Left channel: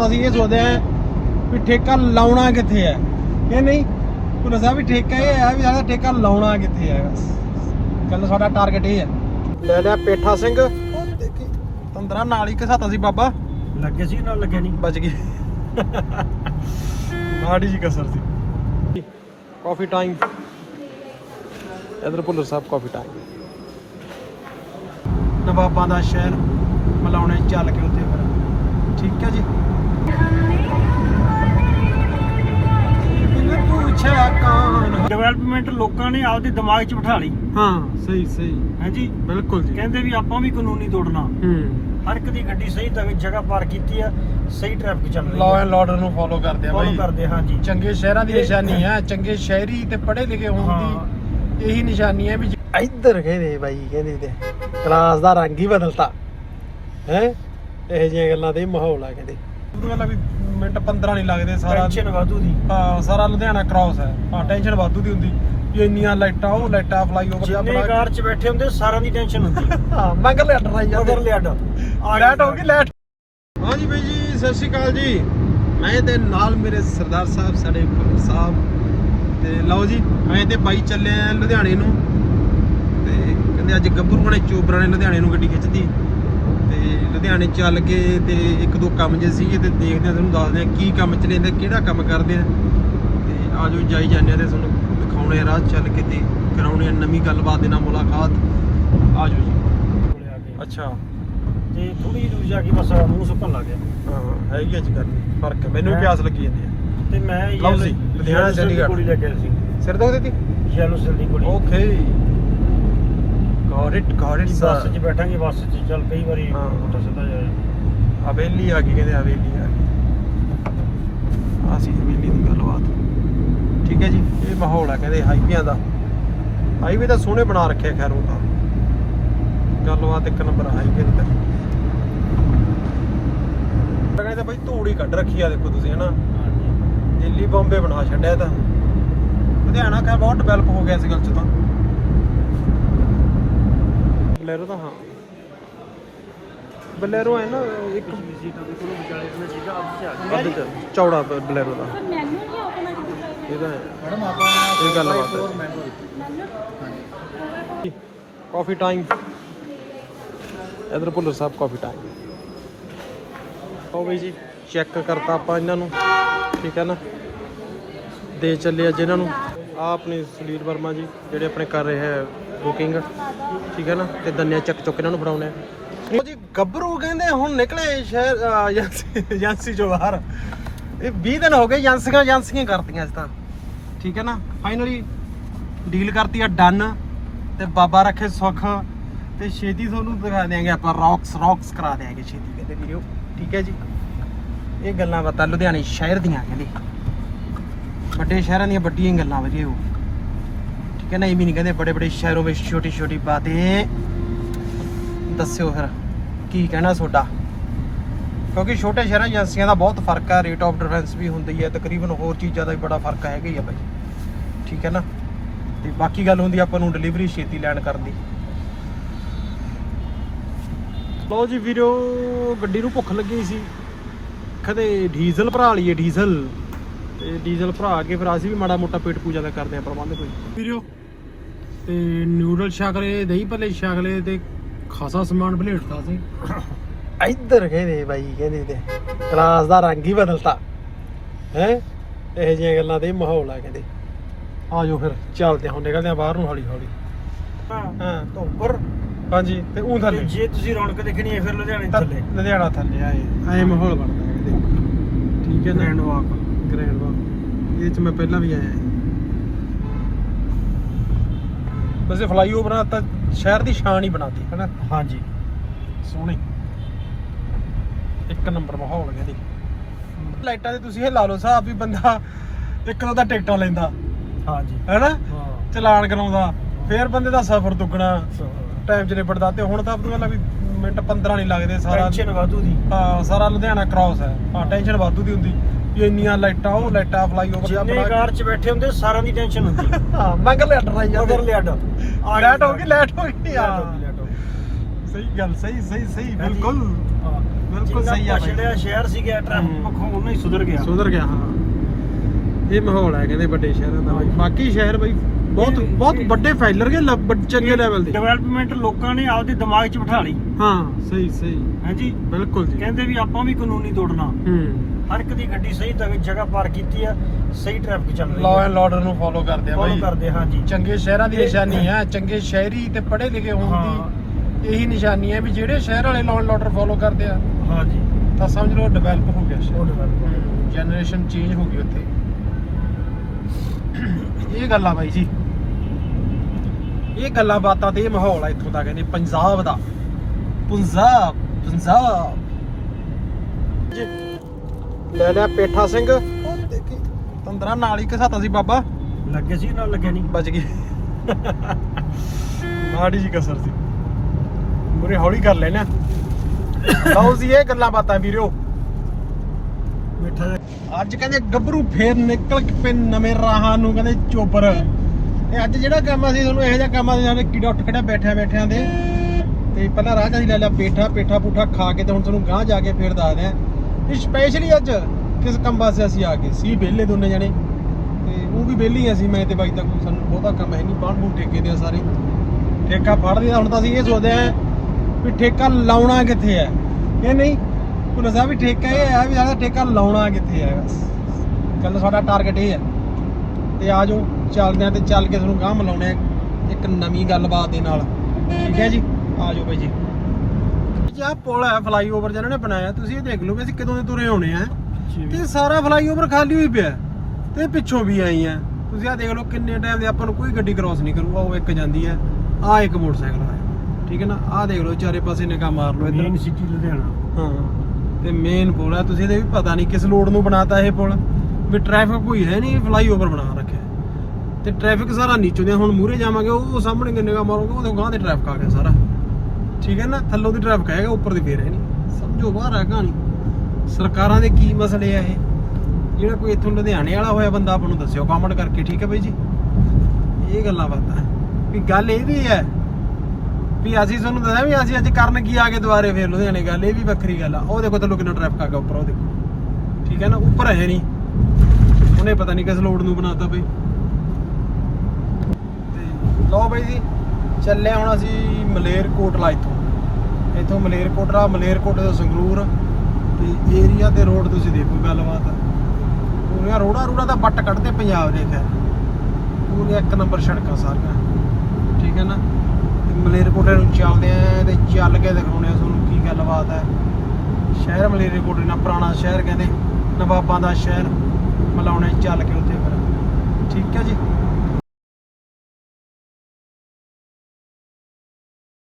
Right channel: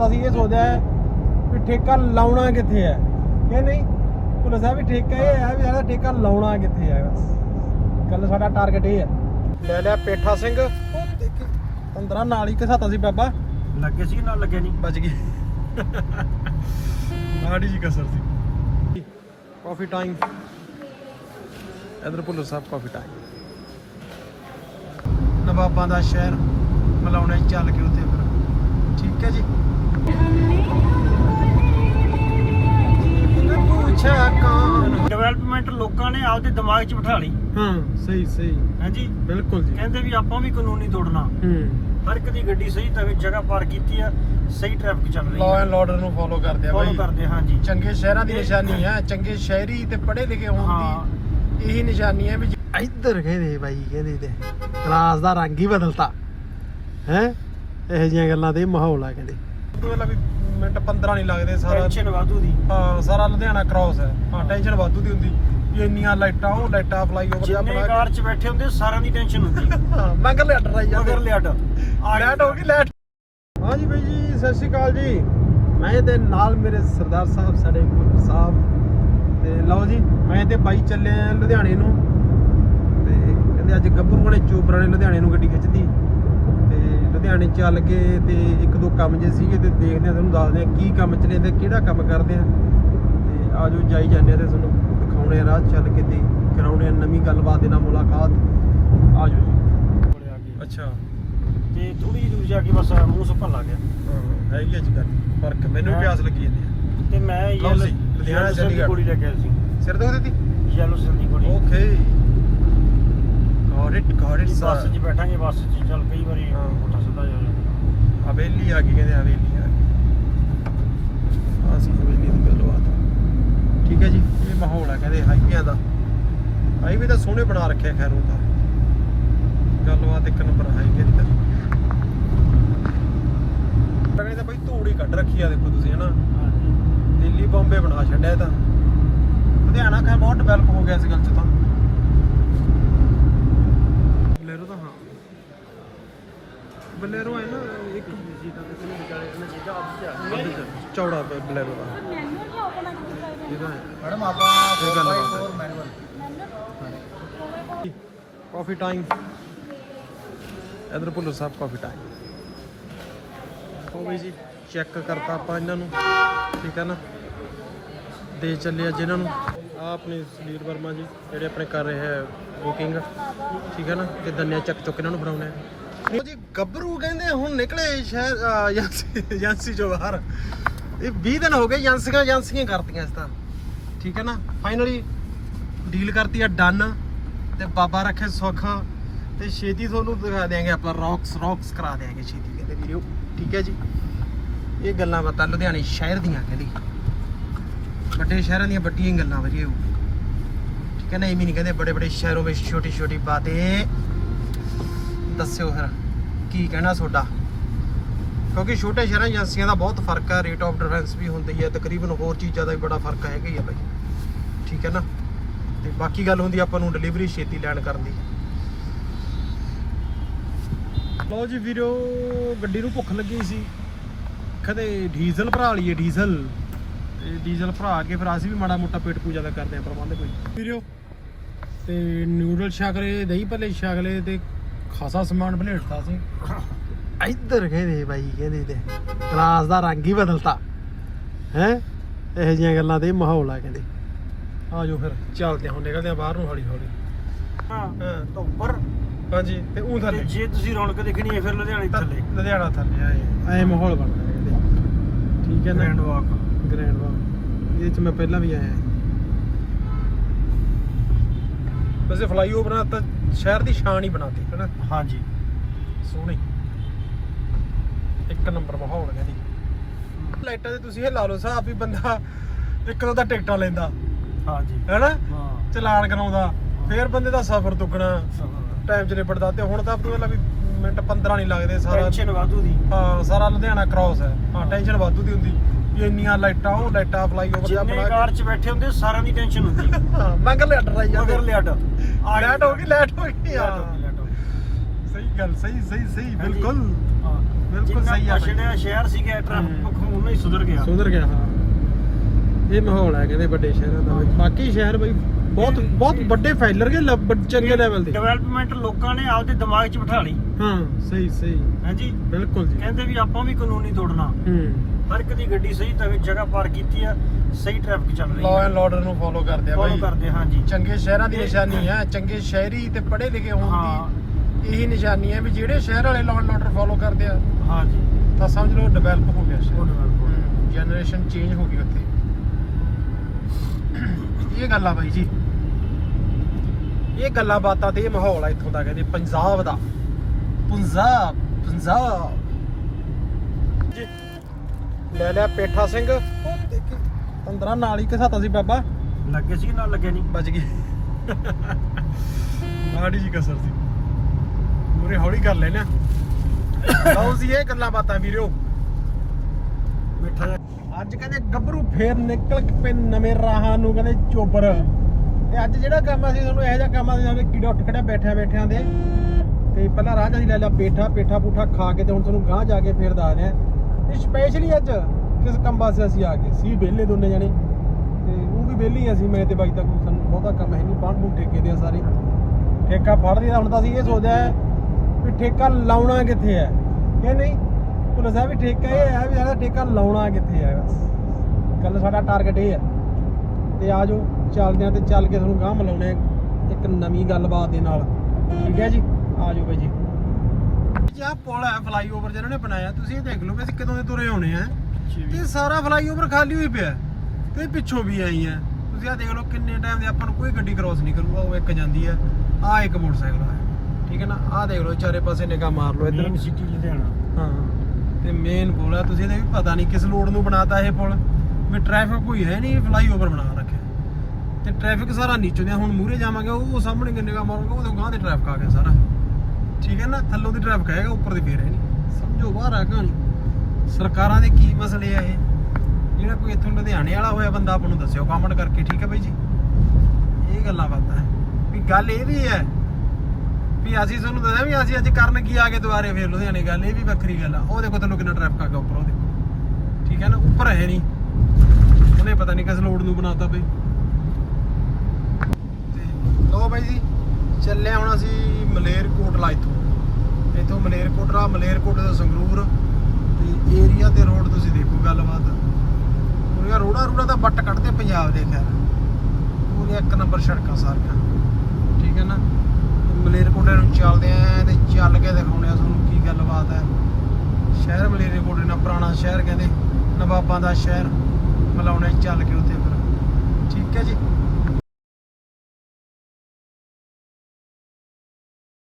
ਤਾਂ ਅਸੀਂ ਇਹ ਸੋਚਦੇ ਆ ਵੀ ਠੇਕਾ ਲਾਉਣਾ ਕਿੱਥੇ ਹੈ? ਇਹ ਨਹੀਂ ਉਹ ਨਸਾ ਵੀ ਠੇਕਾ ਇਹ ਹੈ ਵੀ ਸਾਡਾ ਠੇਕਾ ਲਾਉਣਾ ਕਿੱਥੇ ਹੈ? ਕੱਲ ਸਾਡਾ ਟਾਰਗੇਟ ਇਹ ਹੈ। ਲੈ ਲਿਆ ਪੇਠਾ ਸਿੰਘ। ਤੰਦਰਾ ਨਾਲ ਹੀ ਘਸਾਤਾ ਸੀ ਬਾਬਾ। ਲੱਗੇ ਸੀ ਨਾ ਲੱਗੇ ਨਹੀਂ? ਬਚ ਗਏ। ਮਾੜੀ ਜੀ ਕਸਰ ਸੀ। ਕਾਫੀ ਟਾਈਮ ਇਧਰ ਭੁੱਲਰ ਸਾਹਿਬ ਕਾਫੀ ਟਾਈਮ ਨਵਾਬਾਂ ਦਾ ਸ਼ਹਿਰ ਮਲਾਉਣੇ ਚੱਲ ਕੇ ਉੱਥੇ ਫਿਰ। ਠੀਕ ਹੈ ਜੀ। ਆਪਦੇ ਦਿਮਾਗ 'ਚ ਬਿਠਾ ਲਈ। ਹਾਂ ਸਹੀ ਸਹੀ। ਹਾਂਜੀ। ਬਿਲਕੁਲ ਜੀ। ਕਹਿੰਦੇ ਵੀ ਆਪਾਂ ਵੀ ਕਾਨੂੰਨੀ ਤੋੜਨਾ। ਹੂੰ। ਹਰ ਇੱਕ ਦੀ ਗੱਡੀ ਸਹੀ ਤਵੇ ਜਗ੍ਹਾ ਪਾਰ ਕੀਤੀ ਆ ਸਹੀ ਟ੍ਰੈਫਿਕ ਚੱਲ ਰਹੀ ਲਾਅ ਐਂਡ ਆਰਡਰ ਨੂੰ ਫੋਲੋ ਕਰਦੇ ਆ ਫੋਲੋ ਬਾਈ। ਕਰਦੇ ਹਾਂਜੀ। ਚੰਗੇ ਸ਼ਹਿਰਾਂ ਦੀ ਨਿਸ਼ਾਨੀ ਹੈ ਚੰਗੇ ਸ਼ਹਿਰੀ ਤੇ ਪੜ੍ਹੇ ਲਿਖੇ ਹੋਣ। ਦੀ ਇਹੀ ਨਿਸ਼ਾਨੀ ਹੈ ਵੀ ਇੱਧਰ ਕਹਿੰਦੇ ਬਾਈ ਕਹਿੰਦੇ ਤੇ ਕਲਾਸ ਦਾ ਰੰਗ ਹੀ ਬਦਲਤਾ। ਹੈ? ਇਹੋ ਜਿਹੀਆਂ ਗੱਲਾਂ ਤੇ ਮਾਹੌਲ ਆ ਕਹਿੰਦੇ। ਉਹ ਗੱਲ ਵੀ ਮਿੰਟ 15 ਨਹੀਂ ਲੱਗਦੇ ਸਾਰਾ। ਟੈਨਸ਼ਨ ਵਾਧੂ ਦੀ। ਹਾਂ ਸਾਰਾ ਲੁਧਿਆਣਾ ਕ੍ਰਾਸ ਹੈ। ਹਾਂ ਟੈਨਸ਼ਨ ਵਾਧੂ ਦੀ ਹੁੰਦੀ। ਵੀ ਇੰਨੀਆਂ ਲਾਈਟਾਂ ਉਹ ਲਾਈਟਾਂ ਫਲਾਈਓਵਰ ਜਿੰਨੇ ਕਾਰ 'ਚ ਬੈਠੇ ਹੁੰਦੇ ਸਾਰਿਆਂ ਦੀ ਟੈਨਸ਼ਨ ਹੁੰਦੀ। ਹਾਂ ਮਗਰ ਲੈਟ ਰਹੀ ਜਾਂਦੇ। ਮਗਰ ਲਿਆਡ ਲੈਟ ਹੋ ਗਈ ਲੈਟ ਹਾਂਜੀ ਬਾਈ ਜੀ ਸਤਿ ਸ਼੍ਰੀ ਅਕਾਲ ਜੀ। ਮੈਂ ਤੇ ਨਾਲ ਮੇਰੇ ਸਰਦਾਰ ਸਾਹਿਬ ਸਾਡੇ ਭਗਤ ਸਾਹਿਬ। ਤੇ ਲਓ ਜੀ ਮੈਂ ਤੇ ਬਾਈ ਚੱਲੇ ਆ ਲੁਧਿਆਣੇ ਨੂੰ। ਤੇ ਕਹਿੰਦੇ ਅੱਜ ਗੱਭਰੂ ਬਣੇ ਚੋਬਰਾਂ ਨੇ ਲੁਧਿਆਣੇ ਨੂੰ ਗੱਡੀ ਖਿੱਚਦੀ ਲੁਧਿਆਣੇ ਚੱਲ ਕੇ ਤੇ ਇੱਕ ਦੋ ਕੰਮ ਜੇ ਸੀਗੇ ਤੇ ਦੇਖਦੇ ਆ ਤੁਹਾਨੂੰ ਦੱਸਦੇ ਆ ਕੀ ਕੰਮ ਚੱਲੇ ਤੇ ਕਿਹੜਾ ਕੰਮ ਕਰਦੇ ਆ। ਤੇ ਆਜੋ ਜਾਈ ਜਾਂਦੇ ਆ ਤੇ ਤੁਹਾਨੂੰ ਦਿਖਾਉਣੇ ਆ ਰਾਹ ਚੱਲ ਕੇ ਤੇ ਕਰਾਉਣੇ ਆ ਨਵੀਂ ਗੱਲਬਾਤ ਦੇ ਨਾਲ ਮੁਲਾਕਾਤ। ਆਜੋ ਜੀ। ਅੱਛਾ। ਤੇ ਥੋੜੀ ਦੂਰ ਜਾ ਕੇ ਬਸ ਮੂੰਹ ਸੁੱਕਣ ਲੱਗ ਗਿਆ। ਹਾਂ ਹੈਗੀ ਅੱਜ ਕੱਲ ਫ਼ਰਕ। ਮੈਨੂੰ ਵੀ ਪਿਆਸ ਲੱਗੀ ਜਾਂਦੀ ਹੈ ਤੇ ਮੈਂ ਲਓ ਜੀ, ਲੁਧਿਆਣਾ yellow cell ਦੀ ਚੰਡੀਗੜ੍ਹ। ਗੋਲੀ ਲੈ ਕੇ ਆਇਆ ਸੀ। ਸਿਰ ਦੁਖ ਦਿੱਤੀ? ਯੈਲੋ ਸੈਲ ਦੀ ਗੋਲੀ। Okay. Got it got it bus 'ਚ ਬੈਠਾਂਗੇ ਬੱਸ 'ਚ ਚੱਲ ਕਈ ਵਾਰੀ ਹਾਂ। ਸਿੱਧਾ ਜਾਏ ਹਵੇਲੀ ਆ ਗਈ ਕਹਿੰਦੇ ਹਵੇਲੀ ਆ ਗਈ। ਅਸੀਂ ਹਵੇਲੀ ਦੀ ਗੱਲਬਾਤ। ਠੀਕ ਹੈ ਜੀ ਇਹ ਮਾਹੌਲ ਆ ਕਹਿੰਦੇ ਹਾਈਵੇਆਂ ਦਾ। ਹਾਈਵੇ ਤਾਂ ਸੋਹਣੇ ਬਣਾ ਰੱਖੇ ਖੈਰ ਉਹ ਤਾਂ। ਗੱਲਬਾਤ ਇੱਕ ਨੰਬਰ ਹਾਈਵੇ ਤੇ। ਕਹਿੰਦੇ ਬਈ ਧੂੜ ਹੀ ਕੱਢ ਰੱਖੀ ਆ ਦੇਖੋ ਤੁਸੀਂ ਹਨਾ। ਦਿੱਲੀ ਬੰਬੇ ਬਣਾ ਛੱਡਿਆ ਇਹ ਤਾਂ। ਲੁਧਿਆਣਾ ਕਾ ਬਹੁਤ ਡਿਵੈਲਪ ਹੋ ਗਿਆ ਇਸ ਗੱਲ ਚ ਤਾਂ। ਬਲੈਰੋ ਤਾਂ ਹਾਂ। ਬਲੈਰੋ ਹੈ ਨਾ ਇੱਕ ਅੱਧ ਚੌੜਾ ਬਲੈਰੋ ਦਾ। ਮੈਨੂਅਲ ਜਾਂ ਆਟੋਮੈਟਿਕ ਡਰਾਈਵ ਇਹਦਾ ਹੈ ਮੈਡਮ ਆਪਾਂ ਇਹ ਗੱਲ ਬਾਤ ਹੈ। ਕਾਫੀ ਟਾਈਮ ਇਧਰ ਭੁੱਲਰ ਸਾਹਿਬ ਕਾਫੀ ਟਾਈਮ ਹੋ ਬਈ ਜੀ ਚੈੱਕ ਕਰਤਾ ਆਪਾਂ ਇਹਨਾਂ ਨੂੰ। ਠੀਕ ਹੈ ਨਾ? ਦੇ ਚੱਲੇ ਅੱਜ ਇਹਨਾਂ ਨੂੰ। ਆ ਆਪਣੇ ਸੁਨੀਲ ਵਰਮਾ ਜੀ ਜਿਹੜੇ ਆਪਣੇ ਕਰ ਰਹੇ ਹੈ ਬੁਕਿੰਗ। ਠੀਕ ਹੈ ਨਾ? ਤੇ ਦੰਨਿਆ ਚੱਕ ਚੁੱਕ ਇਹਨਾਂ ਨੂੰ ਫੜਾਉਣੇ ਆ। ਉਹ ਜੀ ਗੱਭਰੂ ਕਹਿੰਦੇ ਹੁਣ ਨਿਕਲੇ ਸ਼ਹਿਰ ਏਜੰਸੀ ਏਜੰਸੀ ਚੋਂ ਬਾਹਰ। ਇਹ 20 ਦਿਨ ਹੋ ਗਏ ਏਜੰਸੀਆਂ ਏਜੰਸੀਆਂ ਕਰਤੀਆਂ ਇਸ ਤਾਂ। ਠੀਕ ਹੈ ਨਾ? ਫਾਈਨਲੀ ਡੀਲ ਕਰਤੀ ਆ ਡਨ ਤੇ ਬਾਬਾ ਰੱਖੇ ਸੁੱਖ। ਤੇ ਛੇਤੀ ਤੁਹਾਨੂੰ ਦਿਖਾ ਦਿਆਂਗੇ ਆਪਾਂ ਰੌਕਸ ਰੌਕਸ ਕਰਾ ਦਿਆਂਗੇ ਛੇਤੀ, ਕਹਿੰਦੇ ਵੀਡੀਓ ਠੀਕ ਹੈ ਜੀ? ਇਹ ਗੱਲਾਂ ਬਾਤਾਂ ਲੁਧਿਆਣੇ ਸ਼ਹਿਰ ਦੀਆਂ, ਕਹਿੰਦੇ। ਵੱਡੇ ਸ਼ਹਿਰਾਂ ਦੀਆਂ ਵੱਡੀਆਂ ਹੀ ਗੱਲਾਂ ਵਜੇ ਉਹ ਠੀਕ ਹੈ ਨਾ ਇਹ ਵੀ ਨਹੀਂ ਕਹਿੰਦੇ ਬੜੇ ਬੜੇ ਸ਼ਹਿਰੋਂ ਵਿੱਚ ਛੋਟੀ ਛੋਟੀ ਬਾतें ਫਿਰ, ਕੀ ਕਹਿਣਾ ਤੁਹਾਡਾ? ਕਿਉਂਕਿ ਛੋਟੇ ਸ਼ਹਿਰਾਂ ਏਜੰਸੀਆਂ ਦਾ ਬਹੁਤ ਫ਼ਰਕ ਹੈ ਰੇਟ ਆਫ ਡਿਫਰੈਂਸ ਵੀ ਹੁੰਦੀ ਹੈ, ਤਕਰੀਬਨ ਹੋਰ ਚੀਜ਼ਾਂ ਦਾ ਵੀ ਬੜਾ ਫ਼ਰਕ ਹੈਗਾ ਹੀ ਆ ਬਾਈ। ਠੀਕ ਹੈ ਨਾ? ਤੇ ਬਾਕੀ ਗੱਲ ਹੁੰਦੀ ਆਪਾਂ ਨੂੰ ਡਿਲੀਵਰੀ ਛੇਤੀ ਲੈਣ ਕਰਨ ਦੀ। ਲੋ ਜੀ ਵੀਰੋ, ਗੱਡੀ ਨੂੰ ਭੁੱਖ ਲੱਗੀ ਸੀ। ਕਦੇ ਡੀਜ਼ਲ ਭਰਾ ਲਈਏ, ਡੀਜ਼ਲ। ਤੇ ਡੀਜ਼ਲ ਭਰਾ ਕੇ ਫਿਰ ਅਸੀਂ ਵੀ ਮਾੜਾ ਮੋਟਾ ਪੇਟ ਪੂਜਾ ਦਾ ਕਰਦੇ ਆ ਪ੍ਰਬੰਧ ਕੋਈ। ਵੀਰੋ ਤੇ ਨਿਊਡਲ ਛਕ ਲਏ ਦਹੀਂ ਭੱਲੇ ਛਕ ਲਏ ਤੇ ਖਾਸਾ ਸਮਾਨ ਭਲੇਟਦਾ ਸੀ। ਇੱਧਰ ਕਹਿੰਦੇ ਬਾਈ ਕਹਿੰਦੇ ਤੇ ਕਲਾਸ ਦਾ ਰੰਗ ਹੀ ਬਦਲਤਾ। ਹੈ? ਇਹੋ ਜਿਹੀਆਂ ਗੱਲਾਂ ਤੇ ਮਾਹੌਲ ਆ ਕਹਿੰਦੇ। ਆ ਜਾਓ ਫਿਰ ਚੱਲਦੇ ਹਾਂ ਹੁਣ ਨਿਕਲਦੇ ਆ ਬਾਹਰ ਨੂੰ ਹੌਲੀ ਹੌਲੀ ਹਾਂ। ਤੋਂ ਉੱਪਰ। ਹਾਂਜੀ ਤੇ ਉਹ ਥੱਲੇ। ਜੇ ਤੁਸੀਂ ਰੌਣਕ ਦੇਖਣੀ ਹੈ ਫਿਰ ਲੁਧਿਆਣੇ ਥੱਲੇ। ਲੁਧਿਆਣਾ ਥੱਲੇ ਆਏ। ਐ ਮਾਹੌਲ ਬਣ ਠੀਕ ਹੈ ਗ੍ਰੈਂਡ ਵਾਕ ਗ੍ਰੈਂਡ ਵਾਕ ਇਹ ਚ ਮੈਂ ਪਹਿਲਾਂ ਵੀ ਆਇਆ। ਵੈਸੇ ਫਲਾਈਓਵਰ ਤਾਂ ਸ਼ਹਿਰ ਦੀ ਸ਼ਾਨ ਹੀ ਬਣਾਤੀ ਹੈ ਨਾ ਹਾਂਜੀ। ਸੋਹਣੀ। ਇੱਕ ਨੰਬਰ ਮਾਹੌਲ ਹੈ ਜੀ ਲਾਈਟਾਂ ਤੇ ਤੁਸੀਂ ਇਹ ਲਾ ਲਓ ਸਾਹਿਬ ਵੀ ਬੰਦਾ ਇੱਕ ਦੋ ਤਾਂ ਟਿਕਟਾਂ ਲੈਂਦਾ। ਹਾਂਜੀ। ਹੈਨਾ? ਚਲਾਨ ਕਰਾਉਂਦਾ ਫੇਰ ਬੰਦੇ ਦਾ ਸਫ਼ਰ ਦੁੱਗਣਾ ਟਾਈਮ ਚ ਨਿਬੜਦਾ ਤੇ ਹੁਣ ਤਾਂ ਅਬਦੁੱਲਾ ਪਹਿਲਾਂ ਵੀ ਮਿੰਟ 15 ਨਹੀਂ ਲੱਗਦੇ ਸਾਰਾ ਟੈਨਸ਼ਨ ਵਾਧੂ ਦੀ। ਹਾਂ ਸਾਰਾ ਲੁਧਿਆਣਾ ਕ੍ਰਾਸ ਹੈ। ਹਾਂ ਟੈਨਸ਼ਨ ਵਾਧੂ ਦੀ ਹੁੰਦੀ। ਵੀ ਇੰਨੀਆਂ ਲਾਈਟਾਂ ਉਹ ਲਾਈਟਾਂ ਫਲਾਈਓਵਰ ਜਿੰਨੇ ਕਾਰ 'ਚ ਬੈਠੇ ਹੁੰਦੇ ਸਾਰਿਆਂ ਦੀ ਟੈਨਸ਼ਨ ਹੁੰਦੀ। ਹਾਂ ਮਗਰ ਲੈਟ ਰਹੀ ਜਾਂਦੇ। ਮਗਰ ਲੈਟ ਹੋ ਗਈ ਲੈਟ ਹੋ ਗਈ ਹਾਂ ਸਹੀ ਗੱਲ ਸਹੀ ਸਹੀ ਸਹੀ। ਬਿਲਕੁਲ ਬਿਲਕੁਲ ਸਹੀ ਆ। ਪਛੜਿਆ ਸ਼ਹਿਰ ਸੀਗਾ ਟ੍ਰੈਫਿਕ। ਪੱਖੋਂ ਉਹਨਾਂ ਹੀ ਸੁਧਰ ਗਿਆ ਸੁਧਰ ਗਿਆ ਹਾਂ ਇਹ ਮਾਹੌਲ ਹੈ ਕਹਿੰਦੇ ਵੱਡੇ ਸ਼ਹਿਰਾਂ ਦਾ ਬਾਈ। ਬਾਕੀ ਸ਼ਹਿਰ ਬਾਈ ਬਹੁਤ ਬਹੁਤ ਵੱਡੇ ਫੈਲਰ ਗਏ ਚੰਗੇ ਲੈਵਲ ਦੇ। ਡਿਵੈਲਪਮੈਂਟ ਲੋਕਾਂ ਨੇ ਆਪਦੇ ਦਿਮਾਗ 'ਚ ਬਿਠਾ ਲਈ। ਹਾਂ ਸਹੀ ਸਹੀ। ਹਾਂਜੀ। ਬਿਲਕੁਲ ਜੀ। ਕਹਿੰਦੇ ਵੀ ਆਪਾਂ ਵੀ ਕਾਨੂੰਨ ਤੋੜਨਾ ਹੂੰ। ਹਰ ਇੱਕ ਦੀ ਗੱਡੀ ਸਹੀ ਤਵੇ ਜਗ੍ਹਾ ਪਾਰ ਕੀਤੀ ਆ ਸਹੀ ਟ੍ਰੈਫਿਕ ਚੱਲ ਰਹੀ ਲਾਅ ਹੈ ਐਂਡ ਆਰਡਰ ਨੂੰ ਫੋਲੋ ਕਰਦੇ ਆ ਫੋਲੋ ਬਾਈ। ਕਰਦੇ ਹਾਂ ਜੀ ਚੰਗੇ ਸ਼ਹਿਰਾਂ ਦੀ ਨਿਸ਼ਾਨੀ ਹੈ। ਚੰਗੇ ਸ਼ਹਿਰੀ ਤੇ ਪੜ੍ਹੇ ਲਿਖੇ ਹੋਣ ਦੀ ਇਹੀ ਨਿਸ਼ਾਨੀ ਹੈ ਵੀ ਜਿਹੜੇ ਸ਼ਹਿਰ ਵਾਲੇ ਲਾਅ ਐਂਡ ਆਰਡਰ ਫੋਲੋ ਕਰਦੇ ਆ ਹਾਂ ਜੀ ਤਾਂ ਸਮਝ ਲਓ ਡਿਵੈਲਪ ਹੋ ਗਿਆ ਉਹ ਸ਼ਹਿਰ ਜਨਰੇਸ਼ਨ ਚੇਂਜ ਹੋ ਗਈ ਉੱਥੇ। ਇਹ ਗੱਲ ਆ ਬਾਈ ਜੀ। ਇਹ ਗੱਲਾਂ ਬਾਤਾਂ ਤੇ ਇਹ ਮਾਹੌਲ ਆ ਇੱਥੋਂ ਦਾ ਕਹਿੰਦੇ ਪੰਜਾਬ ਦਾ। ਪੰਜਾਬ ਪੰਜਾਬ। ਲੈ ਲਿਆ ਪੇਠਾ ਸਿੰਘ। ਤੰਦਰਾ ਨਾਲ ਹੀ ਘਸਾਤਾ ਸੀ ਬਾਬਾ। ਲੱਗੇ ਸੀ ਨਾ ਲੱਗੇ ਨਹੀਂ? ਬਚ ਗਏ। ਮਾੜੀ ਜੀ ਕਸਰ ਸੀ। ਮੁਰੇ ਹੌਲੀ ਕਰ ਲੈਣਾ ਲਓ ਜੀ ਇਹ ਗੱਲਾਂ ਬਾਤਾਂ ਵੀਰੋ ਮਿੱਠਾ ਅੱਜ ਕਹਿੰਦੇ ਗੱਭਰੂ ਫੇਰ ਨਿਕਲ ਕੇ ਪਏ ਨਵੇਂ ਰਾਹਾਂ ਨੂੰ ਕਹਿੰਦੇ ਚੋਪਰ। ਇਹ ਅੱਜ ਜਿਹੜਾ ਕੰਮ ਅਸੀਂ ਤੁਹਾਨੂੰ ਇਹੋ ਜਿਹਾ ਕੰਮ ਅਸੀਂ ਸਾਡੇ ਕੀੜਾ ਉੱਠ ਖੜਿਆ ਬੈਠਿਆਂ ਬੈਠਿਆਂ ਦੇ। ਤੇ ਪਹਿਲਾਂ ਰਾਹ 'ਚ ਲੈ ਲਿਆ, ਪੇਠਾ ਪੇਠਾ ਪੁੱਠਾ ਖਾ ਕੇ ਤੇ ਹੁਣ ਤੁਹਾਨੂੰ ਗਾਂਹ ਜਾ ਕੇ ਫੇਰ ਦੱਸਦੇ ਆ। ਇਹ ਸਪੈਸ਼ਲੀ ਅੱਜ ਕਿਸ ਕੰਮ ਵਾਸਤੇ ਅਸੀਂ ਆ ਗਏ ਸੀ, ਵਿਹਲੇ ਦੋਨੇ ਜਣੇ। ਤੇ ਉਹ ਵੀ ਵਿਹਲੀ ਅਸੀਂ ਮੈਂ ਤੇ ਬਾਈ ਤਾਂ ਕੋਈ ਸਾਨੂੰ ਬਹੁਤਾ ਕੰਮ ਹੈ ਨਹੀਂ ਬਾਹਰ ਨੂੰ ਠੇਕੇ ਦੇ ਆ ਸਾਰੇ। ਠੇਕਾ ਫੜ ਲਿਆ, ਹੁਣ ਤਾਂ ਅਸੀਂ ਇਹ ਸੋਚਦੇ ਆ ਵੀ ਠੇਕਾ ਲਾਉਣਾ ਕਿੱਥੇ ਹੈ ਇਹ ਨਹੀਂ ਉਹਨਾਂ ਸਾਹਿਬ ਵੀ ਠੇਕਾ ਇਹ ਹੈ ਵੀ ਸਾਡਾ ਠੇਕਾ ਲਾਉਣਾ ਕਿੱਥੇ ਹੈ? ਬਸ ਗੱਲ ਸਾਡਾ ਟਾਰਗੇਟ ਇਹ ਹੈ। ਤੇ ਆ ਜਾਓ ਚੱਲਦੇ ਆ ਤੇ ਚੱਲ ਕੇ ਤੁਹਾਨੂੰ ਗਾਂਹ ਮਿਲਾਉਣੇ ਆ ਇੱਕ ਨਵੀਂ ਗੱਲਬਾਤ ਦੇ ਨਾਲ। ਠੀਕ ਹੈ ਜੀ? ਆ ਜਾਓ ਬਾਈ ਜੀ। ਜੀ ਆਹ ਪੁਲ ਹੈ ਫਲਾਈਓਵਰ ਜਿਹਨਾਂ ਨੇ ਬਣਾਇਆ। ਤੁਸੀਂ ਇਹ ਦੇਖ ਲਓ ਵੀ ਅਸੀਂ ਕਦੋਂ ਦੇ ਤੁਰੇ ਹੋਣੇ ਆ। ਤੇ ਸਾਰਾ ਫਲਾਈਓਵਰ ਖਾਲੀ ਹੋਈ ਪਿਆ ਤੇ ਪਿੱਛੋਂ ਵੀ ਆਈ ਆ। ਤੁਸੀਂ ਆ ਦੇਖ ਲਓ ਕਿੰਨੇ ਟਾਈਮ ਦੇ ਆਪਾਂ ਨੂੰ ਕੋਈ ਗੱਡੀ ਕ੍ਰਾਸ ਨਹੀਂ ਕਰੂਗਾ ਉਹ ਇੱਕ ਜਾਂਦੀ ਹੈ। ਆ ਇੱਕ ਮੋਟਰਸਾਈਕਲ ਆਇਆ ਠੀਕ ਹੈ ਨਾ? ਆ ਦੇਖ ਲਓ ਚਾਰੇ ਪਾਸੇ ਨਿਗਾਹ ਮਾਰ ਲਓ ਇੱਧਰ। ਸਿਟੀ ਲੁਧਿਆਣਾ। ਹਾਂ। ਤੇ ਮੇਨ ਪੁਲ ਆ, ਤੁਸੀਂ ਇਹਦੇ ਵੀ ਪਤਾ ਨਹੀਂ ਕਿਸ ਲੋਡ ਨੂੰ ਬਣਾਤਾ ਇਹ ਪੁਲ। ਵੀ ਟ੍ਰੈਫਿਕ ਕੋਈ ਹੈ ਨਹੀਂ ਫਲਾਈਓਵਰ ਬਣਾ ਰੱਖਿਆ ਤੇ ਟ੍ਰੈਫਿਕ ਸਾਰਾ ਨੀਚੋਂ ਦੇ ਹੁਣ ਮੂਹਰੇ ਜਾਵਾਂਗੇ, ਉਹ ਸਾਹਮਣੇ ਕਿੰਨੇ ਨਿਗਾਹ ਮਾਰੋਗੇ, ਉਹਦੇ ਗਾਂ ਦੇ ਟ੍ਰੈਫਿਕ ਆ ਗਿਆ ਸਾਰਾ। ਠੀਕ ਹੈ ਨਾ? ਥੱਲੋਂ ਦੀ ਟ੍ਰੈਫਿਕ ਹੈਗਾ ਉੱਪਰ ਦੀ ਫੇਰ ਹੈ ਨਹੀਂ। ਸਮਝੋ ਬਾਹਰ ਆ ਕਹਾਣੀ। ਸਰਕਾਰਾਂ ਦੇ ਕੀ ਮਸਲੇ ਆ ਇਹ? ਜਿਹੜਾ ਕੋਈ ਇੱਥੋਂ ਲੁਧਿਆਣੇ ਵਾਲਾ ਹੋਇਆ ਬੰਦਾ, ਆਪਾਂ ਨੂੰ ਦੱਸਿਓ ਕਮੈਂਟ ਕਰਕੇ, ਠੀਕ ਹੈ ਬਾਈ ਜੀ? ਇਹ ਗੱਲਾਂ ਬਾਤਾਂ। ਵੀ ਗੱਲ ਇਹ ਵੀ ਹੈ ਵੀ ਅਸੀਂ ਤੁਹਾਨੂੰ ਦੱਸਿਆ ਵੀ ਅਸੀਂ ਅੱਜ ਕਰਨ ਕੀ ਆ ਕੇ ਦੁਬਾਰੇ ਫੇਰ ਲੁਧਿਆਣੇ ਗੱਲ, ਇਹ ਵੀ ਵੱਖਰੀ ਗੱਲ ਆ। ਉਹ ਦੇਖੋ ਥੱਲੋਂ ਕਿੰਨਾ ਟ੍ਰੈਫਿਕ ਆ ਗਿਆ ਉੱਪਰ, ਉਹ ਦੇਖੋ। ਠੀਕ ਹੈ ਨਾ, ਉੱਪਰ ਹੈ ਨਹੀਂ। ਉਹਨੇ ਪਤਾ ਨਹੀਂ ਕਿਸ ਲੋਡ ਨੂੰ ਬਣਾਤਾ ਬਈ। ਤੇ ਲਓ ਬਾਈ ਜੀ, ਚੱਲੇ ਹੁਣ ਅਸੀਂ ਮਲੇਰਕੋਟਲਾ ਇੱਥੋਂ। ਇੱਥੋਂ ਮਲੇਰਕੋਟਲਾ ਮਲੇਰਕੋਟਲੇ ਤੋਂ ਸੰਗਰੂਰ। ਤੇ ਏਰੀਆ ਤੇ ਰੋਡ ਤੁਸੀਂ ਦੇਖੋ ਗੱਲਬਾਤ। ਪੂਰੀਆਂ ਰੋੜਾ ਰੋੜਾ ਦਾ ਵੱਟ ਕੱਢਦੇ ਪੰਜਾਬ ਦੇ ਫਿਰ ਪੂਰੀਆਂ ਇੱਕ ਨੰਬਰ ਸੜਕਾਂ ਸਾਰੀਆਂ। ਠੀਕ ਹੈ ਨਾ? ਮਲੇਰਕੋਟੇ ਨੂੰ ਚੱਲਦੇ ਆਂ ਤੇ ਚੱਲ ਕੇ ਦਿਖਾਉਣੇ ਆ ਤੁਹਾਨੂੰ ਕੀ ਗੱਲਬਾਤ ਹੈ। ਸ਼ਹਿਰ ਮਲੇਰਕੋਟਲੇ ਨਾਲ ਪੁਰਾਣਾ ਸ਼ਹਿਰ ਕਹਿੰਦੇ, ਨਵਾਬਾਂ ਦਾ ਸ਼ਹਿਰ, ਮਿਲਾਉਣੇ ਚੱਲ ਕੇ ਉੱਥੇ ਫਿਰ। ਠੀਕ ਹੈ ਜੀ?